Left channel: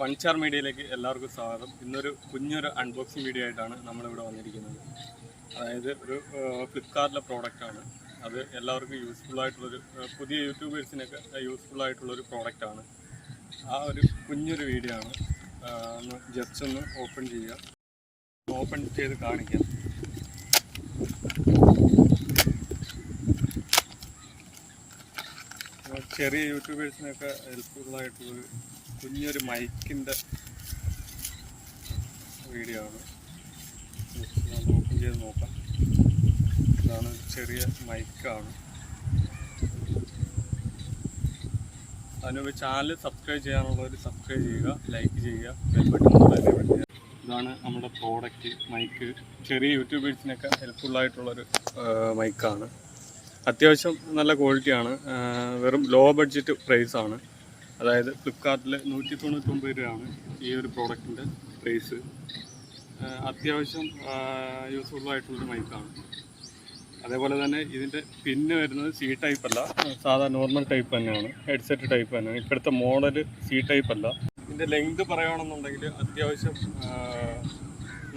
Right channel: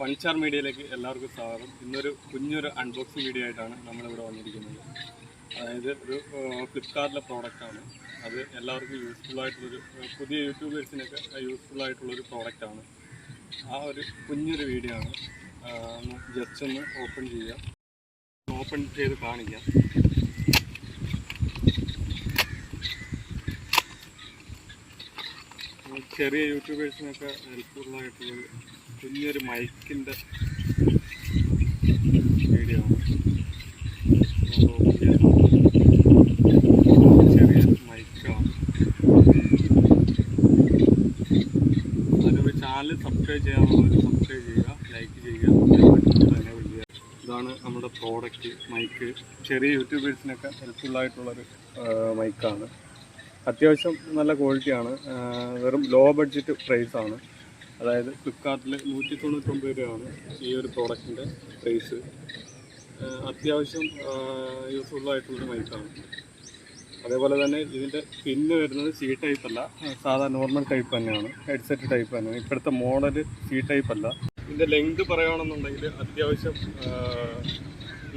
പഞ്ചാർ മീഡിയയിലേക്ക് എല്ലാവർക്കും സ്വാഗതം. ഇന്നൊരു കുഞ്ഞൊരു അൺബോക്സിങ് വീഡിയോ ആയിട്ടാണ് നമ്മളിവിടെ വന്നിരിക്കുന്നത്. അതായത് ഒരു ഫ്ലിപ്കാർട്ടിലെ പ്രോഡക്റ്റാണ്. അത് എല്ലാവർക്കും യൂസ്ഫുള്ളായിട്ടുള്ളൊരു പുതിയ യൂട്യൂബേഴ്സിനൊക്കെ യൂസ്ഫുള്ളായിട്ടുള്ളൊരു പ്രോഡക്റ്റാണ്. ആ ഒരു കുഞ്ഞൊരു വീഡിയോ ആണ്. ജസ്റ്റ് ഒന്ന് ഓപ്പൺ ചെയ്യുക. ഓപ്പൺ ചെയ്ത് കാണിക്കാം. ചെറിയ യൂട്യൂബേഴ്സിനൊക്കെ ഹെൽപ്ഫുള്ളായിട്ടുള്ളൊരു കുഞ്ഞൊരു മൈക്കിൻ്റെ വീഡിയോ ആണ്. ചെറിയ മൈക്കാണ്. അതിനൊരു ചാനൽ സബ്സ്ക്രൈബ് ചെയ്യാനുള്ളവർ സബ്സ്ക്രൈബ് ചെയ്യുക, ലൈക്ക് ചെയ്യുക. ഇതാണ് നമ്മുടെ പ്രോഡക്റ്റ് മൈക്ക്. ചെറിയ യൂട്യൂബേഴ്സിനൊക്കെ ഹെൽപ്ഫുള്ളായിട്ടുള്ളൊരു മൈക്കാണ്. അത്യാവശ്യം നല്ല ക്വാളിറ്റിയാണ്. വെറും ലോ ബഡ്ജറ്റ് പ്രൈസാണ്. അതായത് ഫ്ലിപ്കാർട്ടിൽ 199 രൂപയാണ് ഈ ഒരു പ്രോഡക്റ്റിൻ്റെ പ്രൈസ്. അത്യാവശ്യം യൂസ്ഫുള്ളായിട്ടുള്ളൊരു മൈക്കാണ്. അതേപോലെ തന്നെ ഇതിൻ്റെ പിന്ന് വരുന്നത് സി ടൈപ്പ് അല്ല, സാധാ നോർമൽ ടൈപ്പ് തന്നെയാണ്. ഹെഡ്സെറ്റ് ടൈപ്പ് തന്നെയാണ്. ഇപ്പോഴത്തെ മോഡൽ സി ടൈപ്പ് അല്ല. ഇതിൻ്റെ ലെങ്ത് പറയുകയാണെന്നുണ്ടെങ്കിൽ അത്യാവശ്യം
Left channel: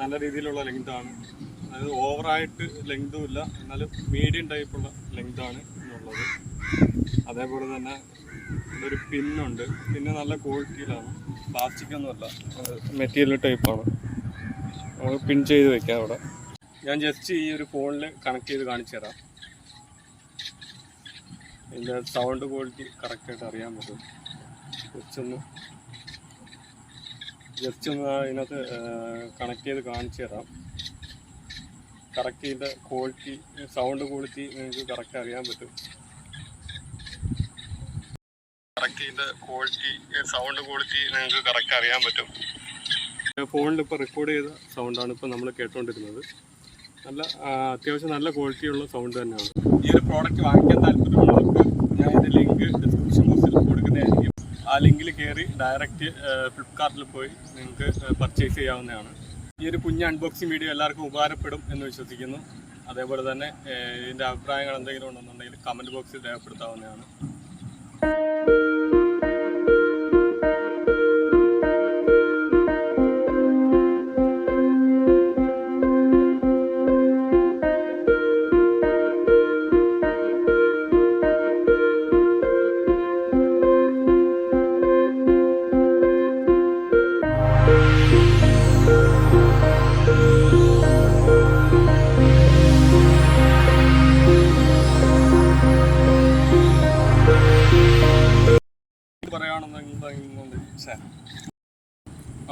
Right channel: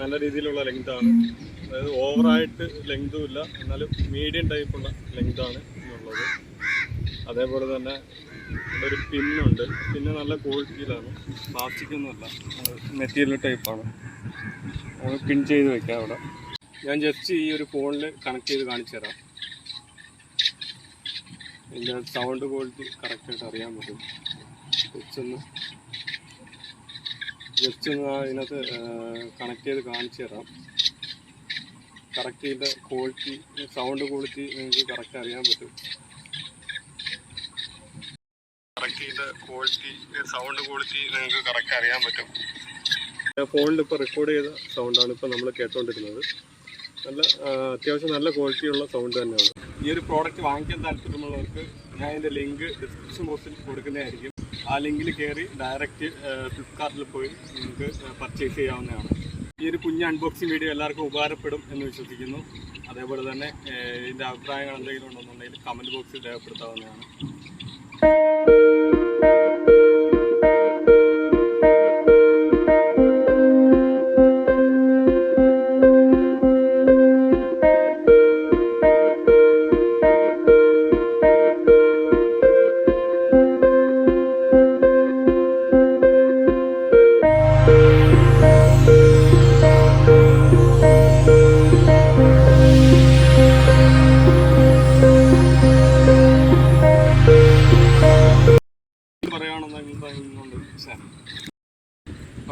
നല്ല രീതിയിലുള്ള ലെങ്താണ്. അതായത് ഓവറായിട്ട് ലെങ്തും ഇല്ല, എന്നാലും മീഡിയം ടൈപ്പുള്ള ലെങ്താണ് എന്നുള്ളത്. അതേപോലെ തന്നെ ഒരു പിന്നുണ്ട്. പിന്നെ നല്ല ക്വാളിറ്റിയിലാണ്, പ്ലാസ്റ്റിക്കൊന്നുമല്ല, മെറ്റീരിയൽ ടൈപ്പാണ്. നമുക്ക് പിൻ ചെയ്ത് വെക്കാം അവിടെ. ഞാൻ ജസ്റ്റ് ഈ ഒരു ഫോണിൽ കണക്ട് ചെയ്ത് കാണിച്ചു തരാം. ഇതിൻ്റെ സൗണ്ട് ക്വാളിറ്റി കറക്റ്റായിട്ട് അറിയാൻ പറ്റും. ജസ്റ്റ് ഒന്ന് ഇതിനകത്ത് കണക്ട് ചെയ്ത് കാണിച്ചു തരാം. കറക്റ്റ് ഇതിൻ്റെ ക്വാളിറ്റി, സൗണ്ട് ക്വാളിറ്റി നിങ്ങൾക്ക് കറക്റ്റ് അറിയാൻ പറ്റും. ഫോണിൽ ഇപ്പോൾ റെക്കോർഡ് ചെയ്ത സൗണ്ടാണ് ഇപ്പോൾ നമ്മൾ കേട്ടുകൊണ്ടിരുന്നത്. നല്ല അത്യാവശ്യം നല്ല ക്വാളിറ്റിയുള്ള സൗണ്ട് തന്നെയാണ്. ഈ ഒരു പ്രോഡക്റ്റ് വാങ്ങിക്കാൻ താല്പര്യമുള്ളവർക്ക് ഞാൻ ഇതിൻ്റെ ലിങ്ക് ഡിസ്ക്രിപ്ഷൻ ബോക്സിൽ കൊടുക്കുന്നതായിരിക്കും. ആ ലിങ്കിൽ കയറി ഡയറക്റ്റ് ഫ്ലിപ്കാർട്ടിൽ പോയി നിങ്ങൾക്ക് പർച്ചേസ് ചെയ്യാവുന്നതാണ്. ഈ ഒരു കുഞ്ഞ് അൺബോക്സിങ് വീഡിയോ എല്ലാവർക്കും ഉപകാരപ്പെടും എന്ന് വിശ്വസിക്കുന്നു. അതേപോലെ തന്നെ ഇതിൻ്റെ അഭിപ്രായങ്ങൾ എന്തെങ്കിലും ഉണ്ടെന്നുണ്ടെങ്കിൽ കമൻറ്റ് ബോക്സിൽ രേഖപ്പെടുത്താവുന്നതാണ്.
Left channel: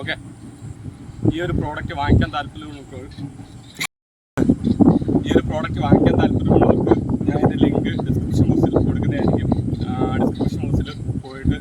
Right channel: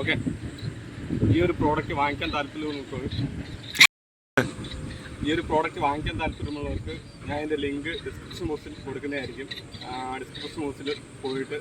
ഓക്കെ, ഈ ഒരു പ്രോഡക്റ്റ് വാങ്ങിക്കാൻ താല്പര്യമുള്ളവർക്ക് ഞാൻ ഇതിൻ്റെ ലിങ്ക് ഡിസ്ക്രിപ്ഷൻ ബോക്സിൽ കൊടുക്കുന്നതായിരിക്കും. ഡിസ്ക്രിപ്ഷൻ ബോക്സിൽ പോയിട്ട്